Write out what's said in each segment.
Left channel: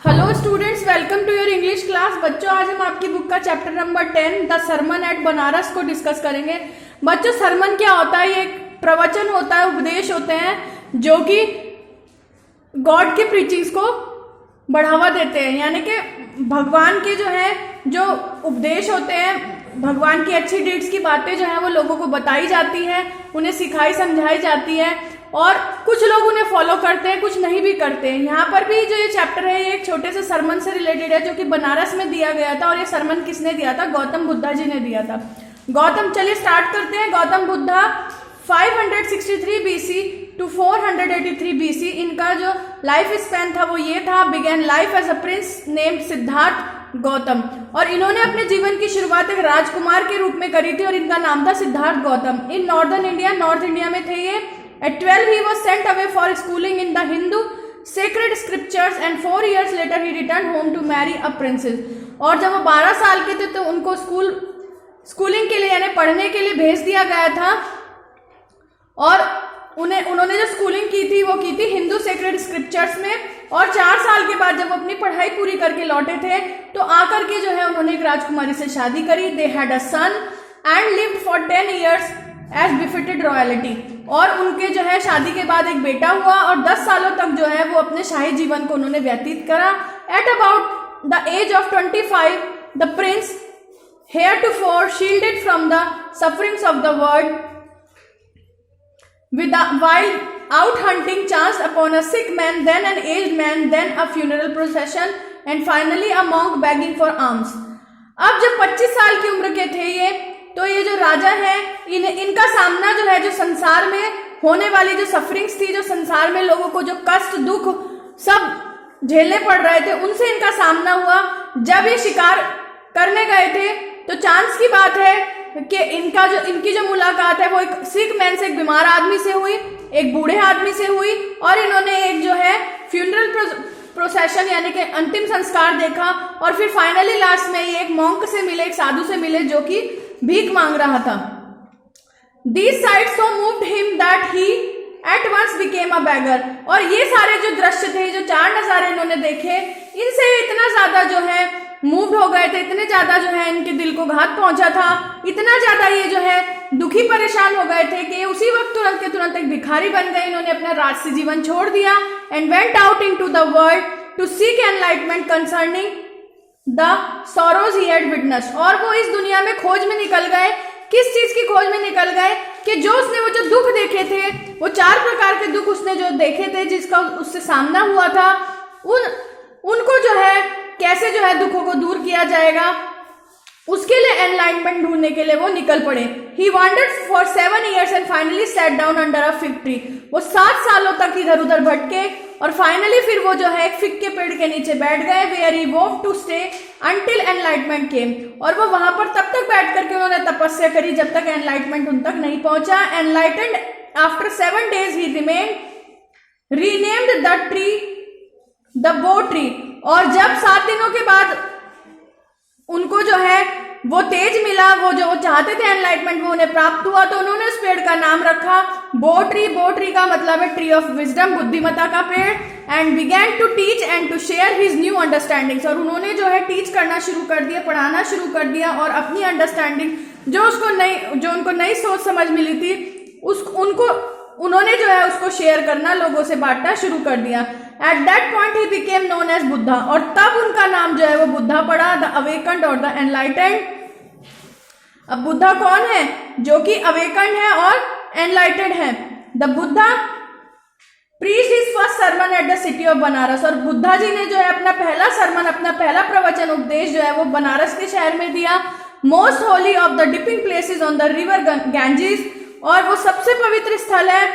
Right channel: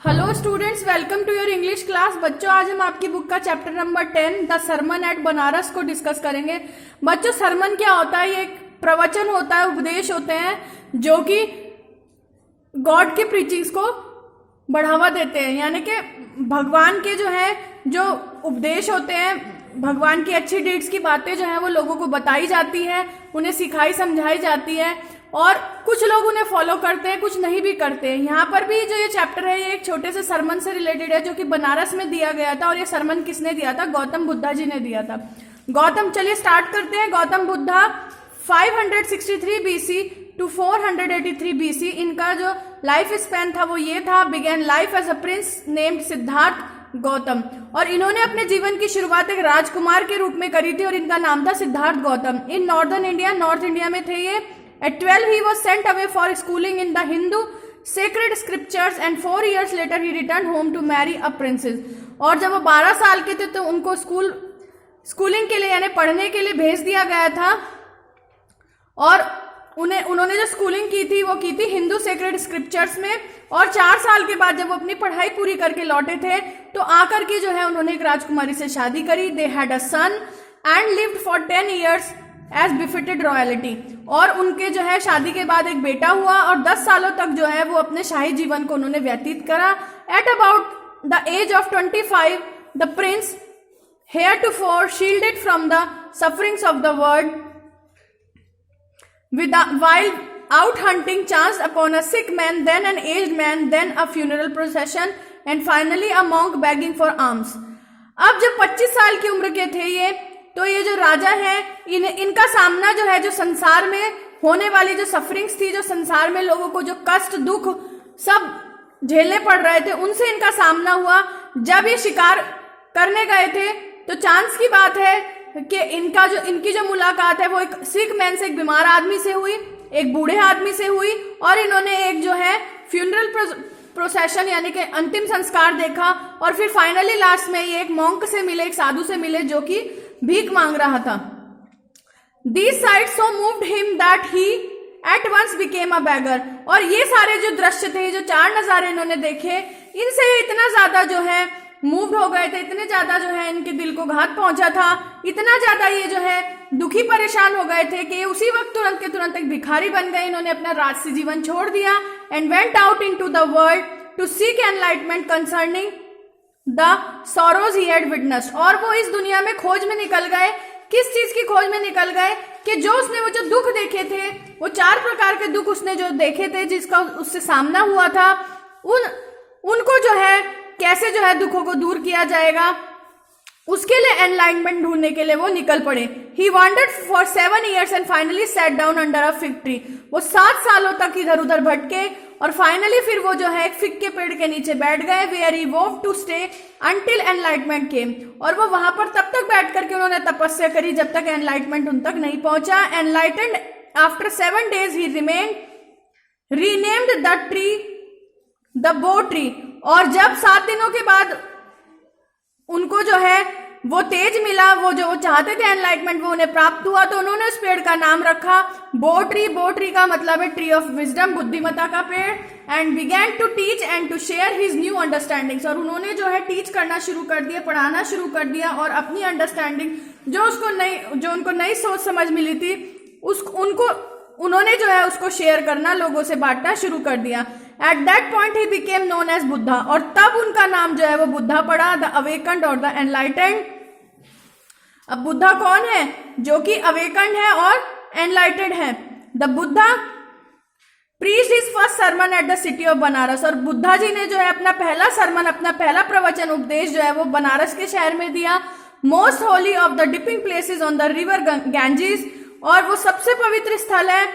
Hello students, welcome to your English class. बच्चों, आज हम आपकी बुक का chapter number 10 the sermon at Banaras को डिस्कस करेंगे। बच्चों, सरमन क्या होता है? ये एक प्रवचन होता है, उपदेश होते हैं जो कि गॉड के प्रीचिंग्स को बढ़ावा देते हैं। यानी कि भगवान के जो उपदेश होते हैं, भगवान की अच्छी डीड्स की बातें जो है वो लोगों को बताई जाती है, उन्हें सिखाई समझाई जाती है और कुछ लोग उन्हें फॉलो करते हैं, कुछ नहीं भी करते हैं। यहाँ पर भी जो ये चैप्टर है ये एक छोटे से सरमन से रिलेटेड है जो कि बनारस में दिया गया था। और ये सरमन किसने दिया था? गौतम बुद्धा जी ने दिया था। चलिए स्टार्ट करते हैं। Gautam Buddha 563 BC to 483 BC इनका जो लाइफ स्पैन था वो ये था। Began life as a prince named Siddhartha Gautam. और इन्होंने अपने जीवन की शुरुआत एक राजकुमार के रूप में करी थी और इनका नाम था सिद्धार्थ गौतम। इन नॉर्थ इंडिया में थे ये। At 12 he was sent away for schooling in the Hindu sacred scriptures and 4 years later he returned home to marry a princess। और जब वो 12 साल के थे तो उनको स्कूलिंग के लिए यानी पढ़ने के लिए भेज दिया गया था। और उन्होंने जो स्कूलिंग की थी वो की थी हिंदू सेक्रेड स्क्रिप्चर्स में। और 4 साल के बाद जब वो अपनी पढ़ाई पूरी करके लौटे थे तो आकर के जो है उन्होंने एक राजकुमारी से शादी करी। They had a son and lived for 10 years as befitted royalty. और उनके जो है शादी के बाद एक बेटा हुआ और 10 सालों तक जो है वो अपने शाही जीवन को उन्होंने व्यतीत करा। At about the age of 25 the prince heretofore shielded from the sufferings of the world while out hunting chanced upon a sick man, then an aged man, then a funeral procession and finally a monk begging for alms। अब जब 25 साल की उम्र के थे ये जो राजा है इनका सामना जो है जो संसार में होने वाली जो सफरिंग्स थी, जो संसार में लोगों को जो कष्ट दुख सब झेलने पड़ रहे थे, उनसे इनका सामना हुआ। जब ये शिकार करने गए थे तो चांस की बात है कि इनकी जो मुलाकात है वो एक सिक मैन से, एक बीमार आदमी से हुई, एक बूढ़े आदमी से हुई। और इन्होंने एक जो है फ्यूनरल प्रोसेशन यानी कि अंतिम संस्कार देखा। और फिर फाइनली लास्ट में ये एक मॉन्क से मिले, एक साधु से मिले जो कि भीख मांग रहा था। These sights so moved him that he at once became a beggar। और ये सारे जो दृश्य थे, जो 4 नजारे इन्होंने देखे, इनसे इतना ज्यादा जो है मूव्ड हो गए थे, इतने ज्यादा जो है इनके दिल को घात पहुंचा था, इतना ज्यादा ये जो है दुखी परेशान हो गए थे कि उसी वक्त तुरंत के तुरंत एक भिखारी बन गए। इन्होंने अपना राजसी जीवन छोड़ दिया and went out into the world to seek enlightenment concerning the sorrows he had witnessed. और वो इस दुनिया में खोज में निकल गए। किस चीज की खोज में निकल गए? कि जो उसने वो जो दुख देखे थे, वो 4 प्रकार के दुख उसने जो देखे थे, जिसका उससे सामना हुआ था, उनको जो है कैसे जो है दुखों को दूर किया जाएगा, उसके लिए एनलाइटमेंट ढूंढने के लिए वो निकल पड़े। He wandered for 7 years and finally sat down under a fig tree। वो 7 सालों तक इधर उधर भटके और फाइनली फिर वो जो है एक फिग के पेड़ के नीचे बैठ गए। Where he vowed to stay until enlightenment came। और वो वहां पर तब तक बैठ करके उन्होंने तपस्या करी जब तक एनलाइटमेंट उन तक नहीं पहुंचा। Enlightened after 7 days he remained, renamed the tree the Bo tree। और जब 7 दिनों के बाद उनको जो है वो तेज मिला, वो जो चाहते थे एनलाइटमेंट वो उन्हें प्राप्त हुआ, तो उन्होंने उस पेड़ का नाम रखा बो ट्री। बो ट्री का मतलब है ट्री ऑफ विजडम, बुद्धिमत्ता का पेड़। And began to teach and to share his new understandings. और उन्होंने जो है टीच करना शुरू कर दिया, पढ़ाना शुरू कर दिया और अपनी अंडरस्टैंडिंग जो उनको नई सोच समझ मिली थी उन्होंने जो है उसको शेयर करना, लोगों से बांटना शुरू कर दिया। At that point he became known as Buddha. और तब उनका नाम जो है वो बुद्धा पड़ा, द अवेकन्ड और द एनलाइटेंड। अब बुद्धा कौन है? जो कि अवेकन्ड है और एनलाइटेड है। The Buddha preached his first sermon at the city of Banaras. और बुद्धा जी ने जो है अपना पहला सरमन, अपना पहला प्रवचन उपदेश जो है वो बनारस के शहर में दिया। Most Holi of the dipping places on the river Ganges. और वो सबसे पवित्र स्थल है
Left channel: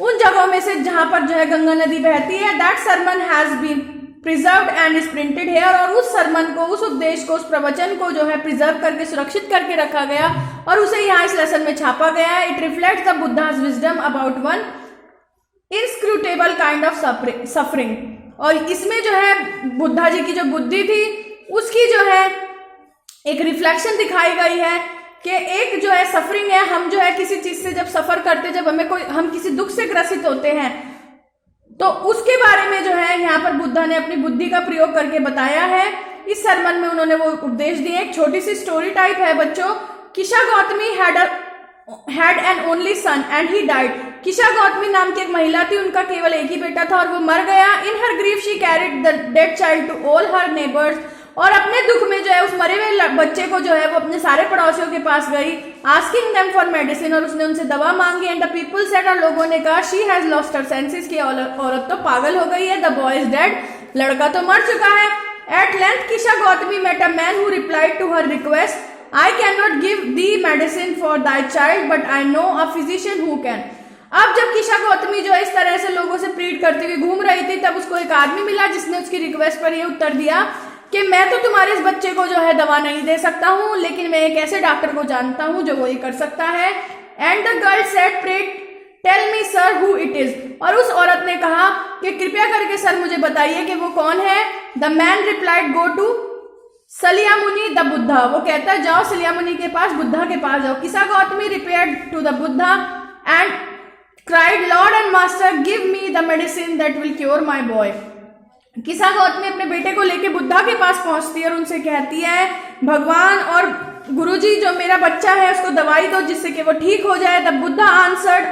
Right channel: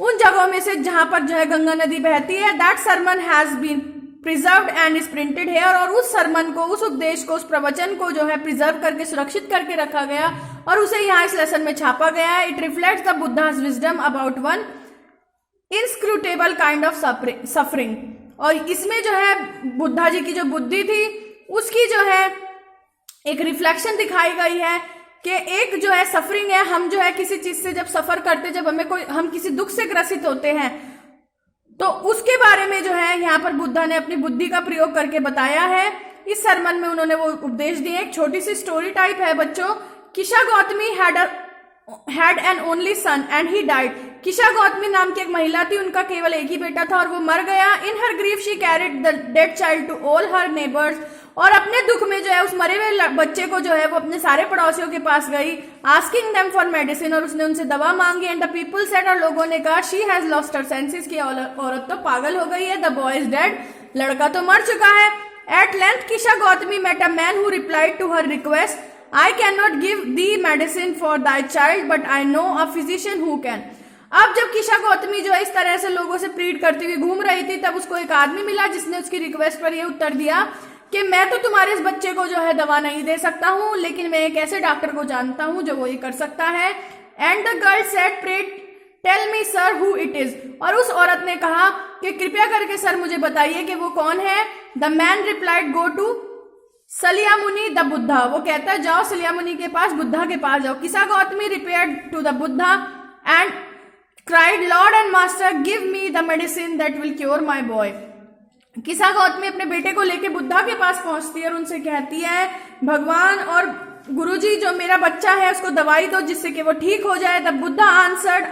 उन जगहों में से जहां पर जो है गंगा नदी बहती है। That sermon has been preserved and is printed here. और उस सरमन को, उस उपदेश को, उस प्रवचन को जो है प्रिजर्व करके, सुरक्षित करके रखा गया और उसे यहाँ इस लेसन में छापा गया है। It reflects the Buddha's wisdom about one inscrutable kind of suffering. और इसमें जो है बुद्धा जी की जो बुद्धि थी उसकी जो है एक रिफ्लेक्शन दिखाई गई है कि एक जो है सफरिंग है, हम जो है किसी चीज से जब सफर करते, जब हम किसी दुख से ग्रसित होते हैं तो उसके बारे में जो है यहाँ पर बुद्धा ने अपनी बुद्धि का प्रयोग करके बताया है। इस सरमन में उन्होंने वो उपदेश दिए। एक छोटी सी स्टोरी टाइप है बच्चों। Kisha Gautami had an only son and he died. Kisha Gautami नाम की एक महिला थी, उनका केवल एक ही बेटा था और वो मर गया। In her grief she carried the dead child to all her neighbours. और अपने दुख में जो है उस मरे हुए बच्चे को जो है वो अपने सारे पड़ोसियों के पास गई, आस्किंग देम फॉर मेडिसिन, और उसने उनसे दवा मांगी। एंड द पीपल सेड, और लोगों ने कहा, she has lost her senses, की औरत तो पागल हो गई है। द बॉय इज डेड, लड़का तो मर चुका है। At length Kisha Gautami met a man who replied to her request, I can not give the medicine for thy child but I know a physician who can. अब जब किशा गौतमी जो है इस तरह से लोगों से प्लीड करती हुई घूम रही थी, तब उसको एक आदमी मिला जिसने उसकी रिक्वेस्ट पर यह उत्तर दिया कि मैं तो तुम्हारे इस बच्चे को जो है दवा नहीं दे सकता हूं, लेकिन मैं एक ऐसे डॉक्टर को जानता हूं जो वो ये कर सकता है। And the girl said, pray tell me sir who it is. और उस औरत ने कहा कि कृपया करके सर मुझे बताइए कि वो कौन है। The man replied, go to Shakyamuni the Buddha. वो कहता है जाओ सलियामुनि के पास, बुद्धा के पास जाओ। Kisha Gautami repaired to the Buddha and cried, lord and master give me the medicine that will cure my boy. Kisha Gautami अपने बेटे को लेके बुद्धा के पास पहुंचती है और उनसे कहती है, भगवान और गुरुजी जो मेरा बच्चा है उसको दवाई दो जिससे कि वो ठीक हो जाए। The Buddha answered,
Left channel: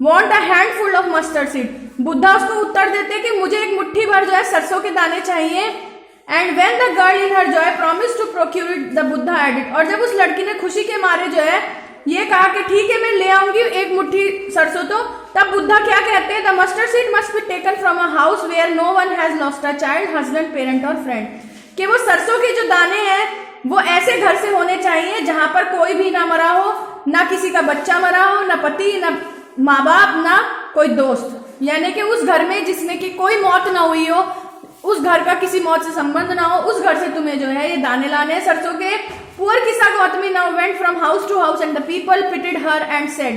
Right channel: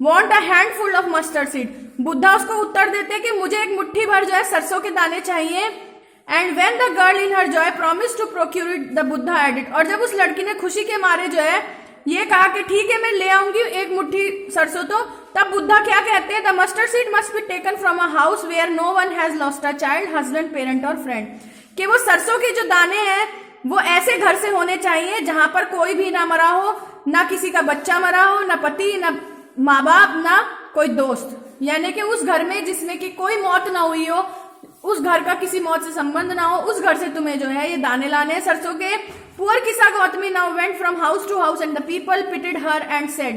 want a handful of mustard seed. Buddha उसको उत्तर देते कि मुझे एक मुट्ठी भर जो है सरसों के दाने चाहिए। And when the girl in her joy promise to procure it, the Buddha added. और जब उस लड़की ने खुशी के मारे जो है ये कहा कि ठीक है मैं ले आऊंगी एक मुट्ठी सरसों, तो तब बुद्धा क्या कहते हैं, the mustard seed must be taken from a house where no one has lost a child, husband, parent और फ्रेंड। कि वो सरसों के जो दाने हैं वो ऐसे घर से होने चाहिए जहां पर कोई भी ना मरा हो, ना किसी का बच्चा मरा हो, ना पति, ना माँ बाप, ना कोई दोस्त। यानी कि उस घर में जिसमें कि कोई मौत ना हुई हो, उस घर का किसी मौत से संबंध ना हो, उस घर से तुम्हें जो है ये दाने लाने हैं सरसों के। Poor Kisha Gautami now went from house to house and the people pitied her and said,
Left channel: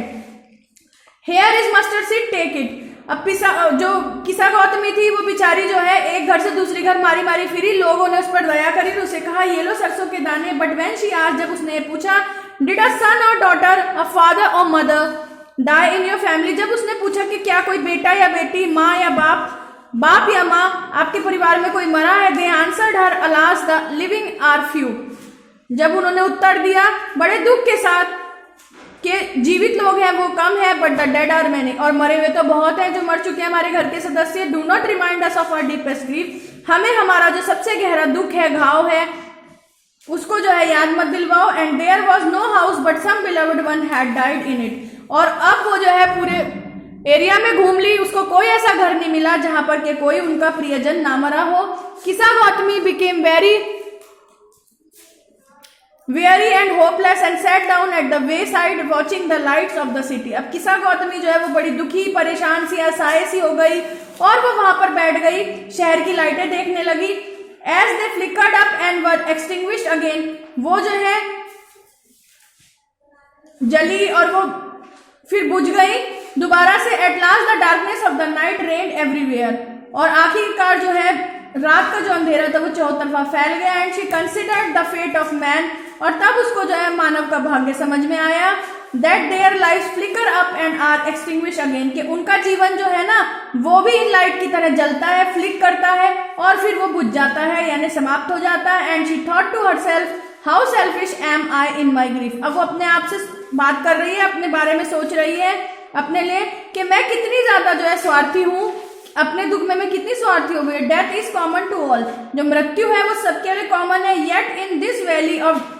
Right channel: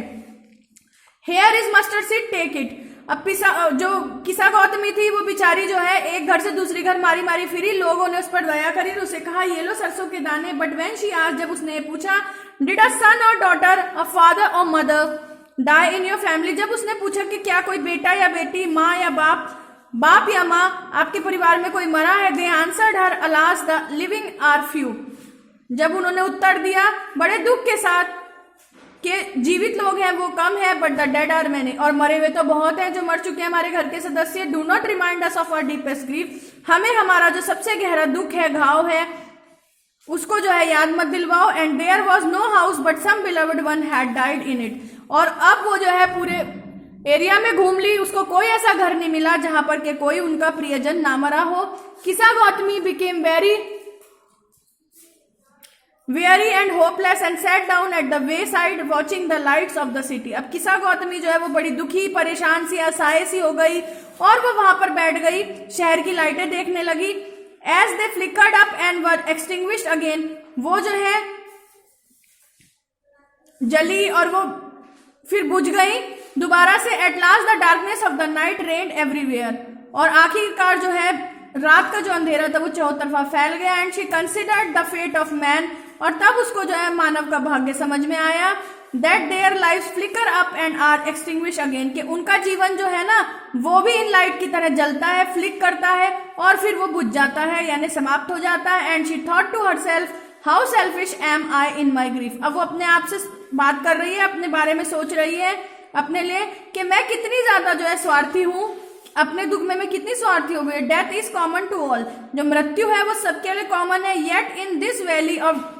here is mustard seed, take it. अब जो किशा गौतमी थी वो बेचारी जो है एक घर से दूसरी घर मारी मारी फिरी, लोगों ने उस पर दया करी और उसे कहा ये लो सरसों के दाने। बट व्हेन शी आस्क्ड, जब उसने पूछा, डिड अ सन और डॉटर, अ फादर और mother die in your family, जब उसने पूछा कि क्या कोई बेटा या बेटी, माँ या बाप या माँ आपके परिवार में कोई मरा है, they answered her, alas the living are few. जब उन्होंने उत्तर दिया बड़े दुख के साथ कि जीवित लोग हैं वो कम है, but the dead are many, और मरे हुए तो बहुत हैं जो मर चुके हैं हमारे घर के सदस्य। Do not remind us of our deepest grief, हमें हमारा जो सबसे गहरा दुख है, घाव है, उसको जो है याद मत दिलवाओ। And there was no house but some beloved one had died in it. और अब वो जो है पूरे एरिया में घूम ली, उसको कोई ऐसा घर नहीं मिला जहां पर के कोई उनका प्रियजन ना मरा हो। Kisha Gautami became very weary and hopeless and sat down at the wayside watching the lights of the city। अब किशा गौतमी जो है वो बड़ी दुखी, परेशान सी, असहाय सी हो गई और वो वहां पर बैठ गई, शहर की लाइटें देखने लगी। As they flickered up and were extinguished again, वो जो है जली और वो फिर बुझ गई दोबारा से। At last the darkness of the night reigned everywhere, और आखिरकार जो है रात का जो अंधेरा था वो चारों तरफा फैल गया। And she considered the fate of man, और तब उसको जो है मानव का भाग्य समझ में आया। That their life flicker up and are extinguish again, कि उनका जीवन जो है ना वो भी इन लाइट की तरह जलता है, फ्लिक करता है और फिर वो बुझ जाता है, यानी समाप्त हो जाता है। And she thought to herself, how selfish am I in my grief. अब वो अपने आप से बात कर रही है, अपने बारे में सोच रही है अपने लिए कि मैं कितनी ज्यादा जो है स्वार्थी हूँ, अपने दुख में मैं कितनी स्वार्थी हो गई। Death is common to all, जो मृत्यु है वो सबके लिए कॉमन है। Yet in this valley of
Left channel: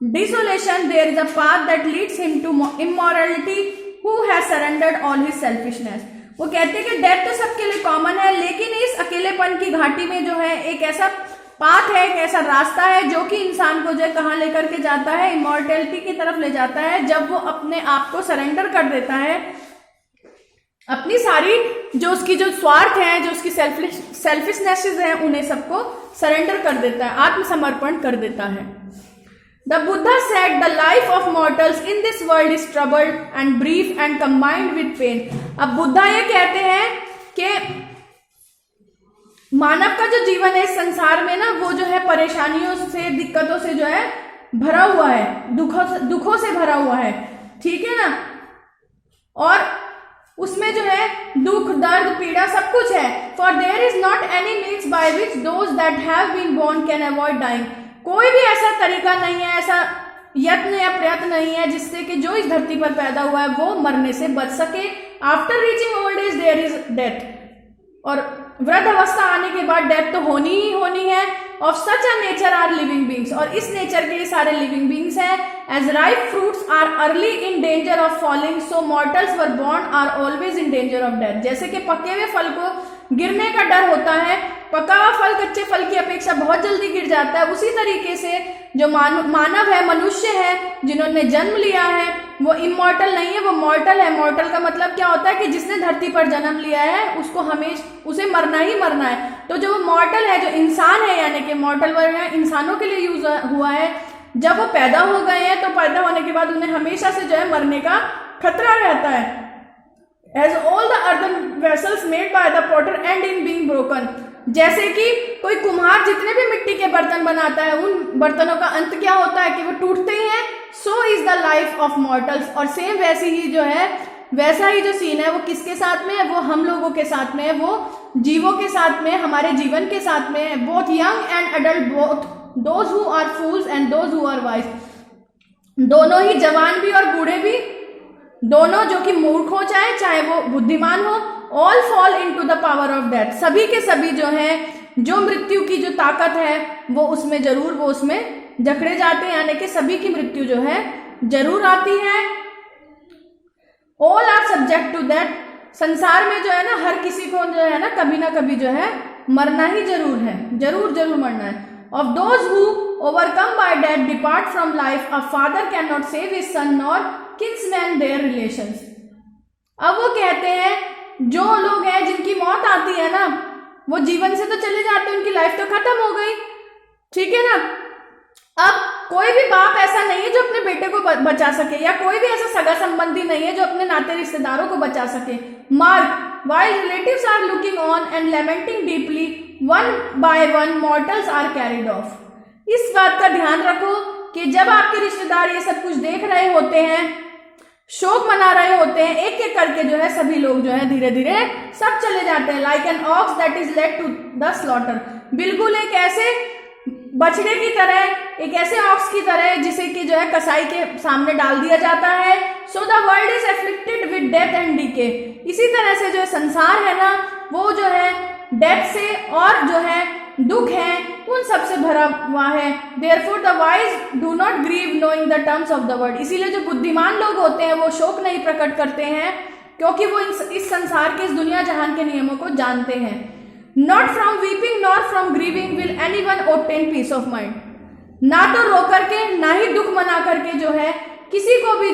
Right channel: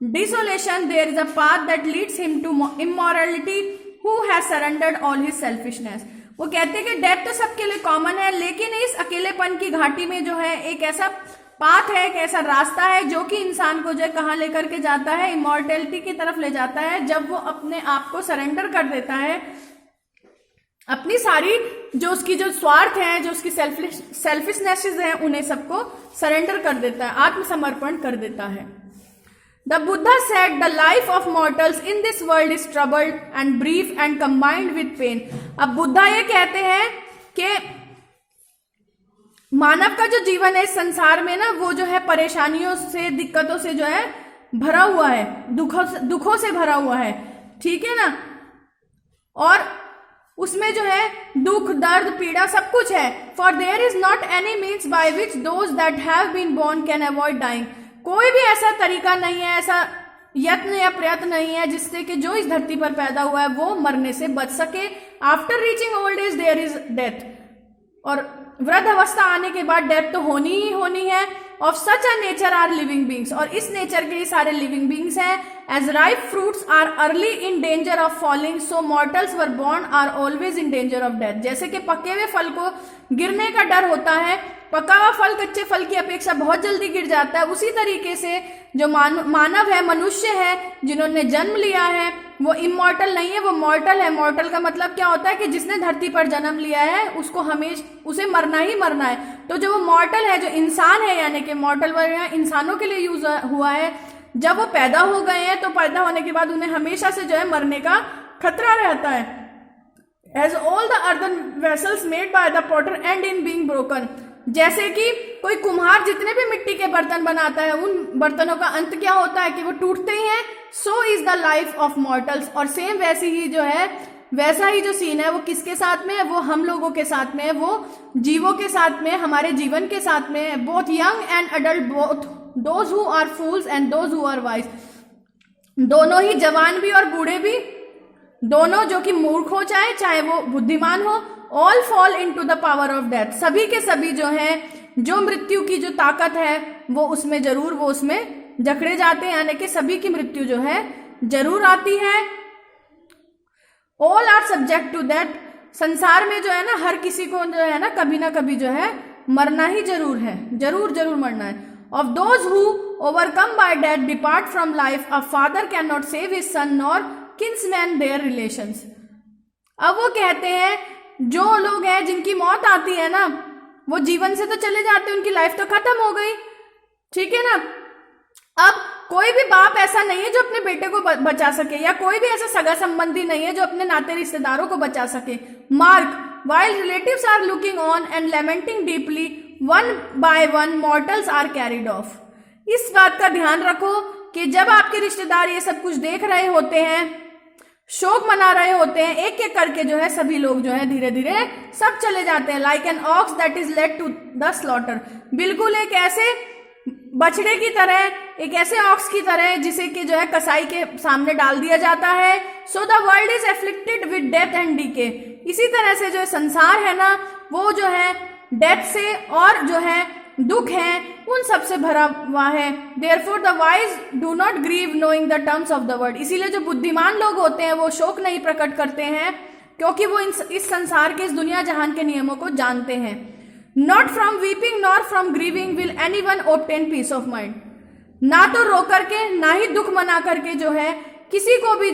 desolation there is a path that leads him to immortality who has surrendered all his selfishness. वो कहते हैं कि डेथ तो सबके लिए कॉमन है, लेकिन इस अकेलेपन की घाटी में जो है एक ऐसा पाथ है, एक ऐसा रास्ता है जो कि इंसान को जो है कहाँ लेकर के जाता है, इमोर्टैलिटी की तरफ ले जाता है, जब वो अपने आप को सरेंडर कर देता है, अपनी सारी जो उसकी जो स्वार्थ है, जो उसकी सेल्फिशनेसेस हैं, उन्हें सबको सरेंडर कर देता है, आत्मसमर्पण कर देता है। The Buddha said the life of mortals in this world is troubled and brief and combined with pain. अब बुद्धा ये कहते हैं कि मानव का जो जीवन है इस संसार में ना वो जो है परेशानियों से, दिक्कतों से जो है भरा हुआ है, दुखों से भरा हुआ है, ठीक है ना। और उसमें जो है दुख, दर्द, पीड़ा सब कुछ है। For there is not any means by which those that have been born can avoid dying. कोई भी ऐसा तरीका नहीं है, ऐसा यत्न या प्रयत्न नहीं है जिससे कि जो इस धरती पर पैदा हुआ है वो मरने से बच सके। After reaching old age there is death, और वृद्ध अवस्था आने के बाद डेथ तो होनी ही होनी है। Of such a nature are living beings, और इस नेचर के सारे लिविंग बींग्स हैं। As ripe fruits are early in danger of falling, so mortals were born are always in danger of death. जैसे कि पके हुए फल को गिरने का डर होता है, पका हुआ फल कच्चे फल की अपेक्षा बहुत जल्दी गिर जाता है, उसी तरीके से जो मानव है, मनुष्य है, जिन्होंने जन्म लिया है, वो इमॉर्टल नहीं है, वो मॉर्टल है। मॉर्टल का मतलब क्या होता है कि जिसने धरती पर जन्म लिया है उसको हमेशा उसे मरना ही मरना है। तो जो वो मॉर्टल है, जो इंसान है, यानी कि मॉर्टल वर्ड है, इंसानों के लिए यूज हुआ है। जब वो पैदा हो गए हैं तो पैदा होने के बाद उन्हें हमेशा से जो है मरने का खतरा रहता है। As all the earthen vessels made by the potter end in being broken, जैसे कि कोई कुम्हार जितने भी मिट्टी के बर्तन बनाता है उन बर्तनों का अंत क्या होता है कि वो टूटते ही हैं। So is the life of mortals, और सेम वैसी ही जो है, वैसा ही जो सीन है वो किसके साथ में है, वो हम लोगों के साथ में है, वो जीवों के साथ में, हमारे जीवन के साथ में है। Both young and adult, both those who are fools and those who are wise, दोनों ही जवान भी और बूढ़े भी, दोनों जो कि मूर्ख हो चाहे वो बुद्धिमान हो, all fall into the power of death, सभी के सभी जो है, जो मृत्यु की जो ताकत है वो उसमें जरूर वो उसमें जकड़े जाते हैं, यानी कि सभी की मृत्यु जो है जरूर आती है। All are subject to that, संसार में जो है ना हर किसी को जो है ना कभी जो है मरना ही जरूर है, जरूर जरूर मरना है। Of those who overcome bye death depart from life, a father can not save his son nor kinsman their relations. अब वो कहते हैं जो लोग हैं जिनकी मौत आती है ना, वो जीवन से तो चले जाते हैं, उनकी लाइफ तो खत्म हो गई, ठीक है ना। अब कोई भी बाप ऐसा नहीं है जो अपने बेटे को बचा सके, या कोई भी ऐसा सगा संबंधी नहीं है जो अपने नाते रिश्तेदारों को बचा सके। Mark, while relatives are looking on and lamenting deeply, one by one mortals are carried off। इस बात का ध्यान रखो कि जब आपके रिश्तेदार ये सब कुछ देख रहे होते हैं, शोक मना रहे होते हैं, एक एक करके जो है सभी लोग जो है धीरे धीरे सब चले जाते हैं। Like an ox that is led to the slaughter, बिल्कुल एक ऐसे बछड़े की तरह, एक ऐसे ऑक्स की तरह जिसे कि जो है कसाई के सामने डाल दिया जाता है। So the world is afflicted with death and decay, इसी तरह से जो संसार है ना वो जो है डेथ से और जो है दुख है उन सब से भरा हुआ है। Therefore the wise do not grieve knowing the terms of the world, इसीलिए जो बुद्धिमान लोग होते हैं वो शोक नहीं प्रकट करते हैं क्योंकि वो इस संसार के, इस दुनिया जहान के नियमों को जानते हैं। Not from weeping nor from grieving will anyone obtain peace of mind, ना तो रो करके ना ही दुख मना करके जो है किसी को भी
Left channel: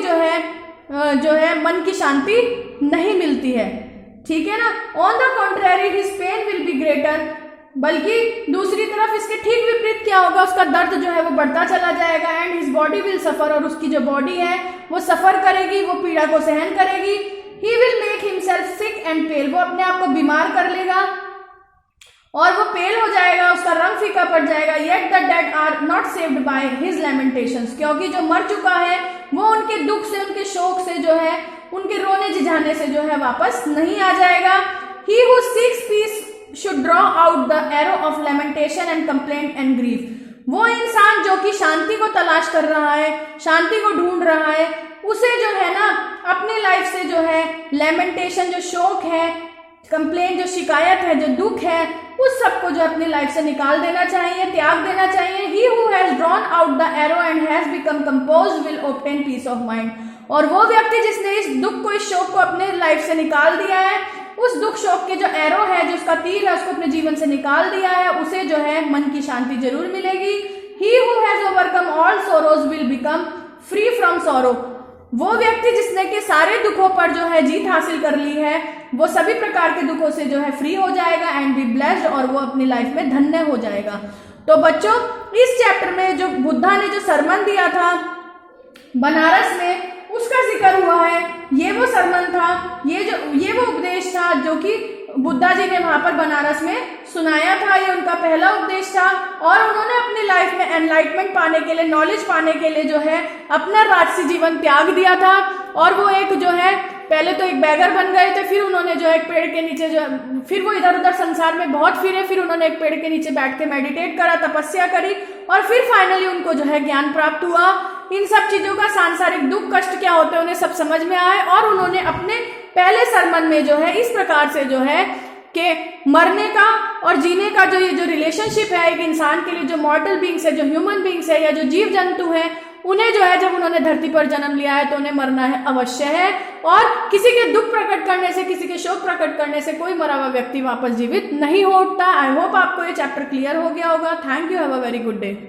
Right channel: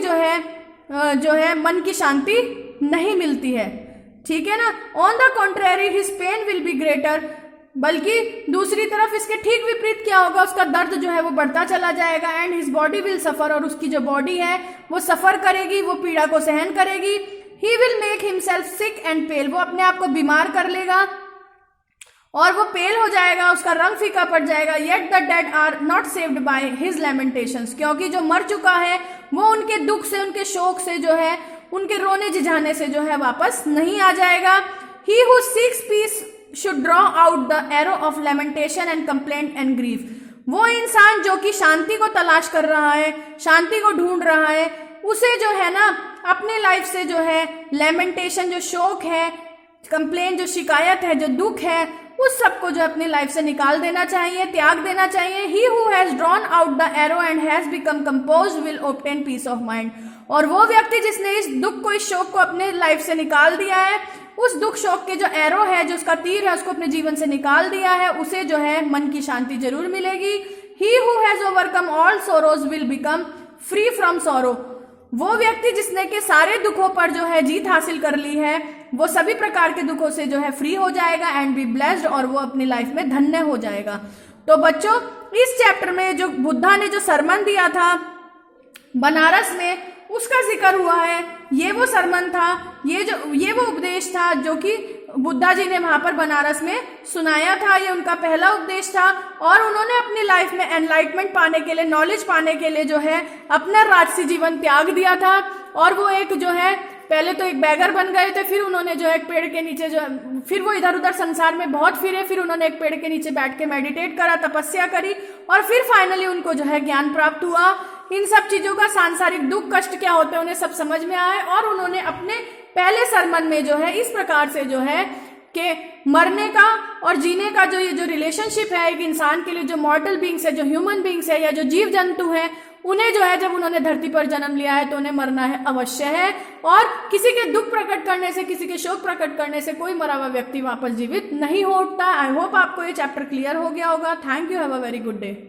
जो है मन की शांति नहीं मिलती है, ठीक है ना। On the contrary his pain will be greater, बल्कि दूसरी तरफ इसके ठीक विपरीत क्या होगा, उसका दर्द जो है वो बढ़ता चला जाएगा। And his body will suffer, और उसकी जो बॉडी है वो सफर करेगी, वो पीड़ा को सहन करेगी। He will make himself sick and pale, वो अपने आप को बीमार कर लेगा और वो पेल हो जाएगा, उसका रंग फीका पड़ जाएगा। Yet the dead are not saved by his lamentations, क्योंकि जो मर चुका है वो उनके दुख से, उनके शोक से जो है, उनके रोने झिझाने से जो है वापस नहीं आ जाएगा। He who seeks peace should draw out the arrow of lamentation and complaint and grief, वो इंसान जो कि शांति को तलाश कर रहा है, शांति को ढूंढ रहा है, उसे जो है ना अपनी लाइफ से जो है लैमेंटेशन, जो शोक है, कंप्लेंट, जो शिकायत है, जो दुख है, उस सबको जो अपनी लाइफ से निकाल देना चाहिए, त्याग देना चाहिए। He who has drawn out the arrow and has become composed will obtain peace of mind, और वो व्यक्ति जिसने इस दुख को, इस शोक को अपने लाइफ से निकाल दिया है, उस दुख शोक के जो एरो है, जो उसका तीर है, उसको अपने जीवन से निकाल दिया है, उसे जो है मन की शांति जरूर मिलेगी। ही who has overcome all sorrows will become free from sorrow, वो व्यक्ति जिसने के सारे दुखों पर जो है जीत हासिल कर ली है, वो सभी प्रकार के दुखों से जो है फ्री हो जाएगा एंड बी ब्लेस्ड, और वो अपनी लाइफ में धन्य हो जाएगा। तो बच्चों, इस चैप्टर में जो बुद्धा ने जो सरमन दिया था बनारस में, उसका जिक्र हुआ है। ये वो सरमन था, ये वो उपदेश था जो कि बुद्धा जी ने वहां पर बनारस में सुनाया था। ये उनका पहला उपदेश था और उन्होंने अपनी लाइफ में एनलाइटमेंट पाने के लिए, नॉलेज पाने के लिए जो है अपना राजसी जीवन त्याग दिया था। और वो एक जो है पहले तो एक बैगर बन गए थे, फिर उन्होंने जो है एक पेड़ के नीचे जो, फिर वो इधर उधर संसार में बहुत फिरे, फिर उन्होंने एक पेड़ के नीचे बैठ के मेडिटेट करा, तपस्या करी और फिर फाइनली उनको जो है ज्ञान प्राप्त हुआ। इन सब चीजों का सांसारिक दुख कष्ट क्या होते हैं उन्हें सब समझ में आए और उन्होंने अपने पहले सरमन में जो है इस प्रकार से जो है कि मरने का और जीने का जो ये जो रिलेशनशिप है एक इंसान के लिए, जो मॉर्टल बींग्स है, जो ह्यूमन बींग्स है या जो जीव जंतु है, उन्हें जो है जब उन्होंने धरती पर जन्म लिया है तो उन्हें मरना है अवश्य है। और किसी के दुख प्रकट करने से, किसी के शोक प्रकट करने से कोई मरा हुआ व्यक्ति वापस जीवित नहीं होता। आई होप आपको ये चैप्टर क्लियर हो गया होगा। Thank you, have a very good day.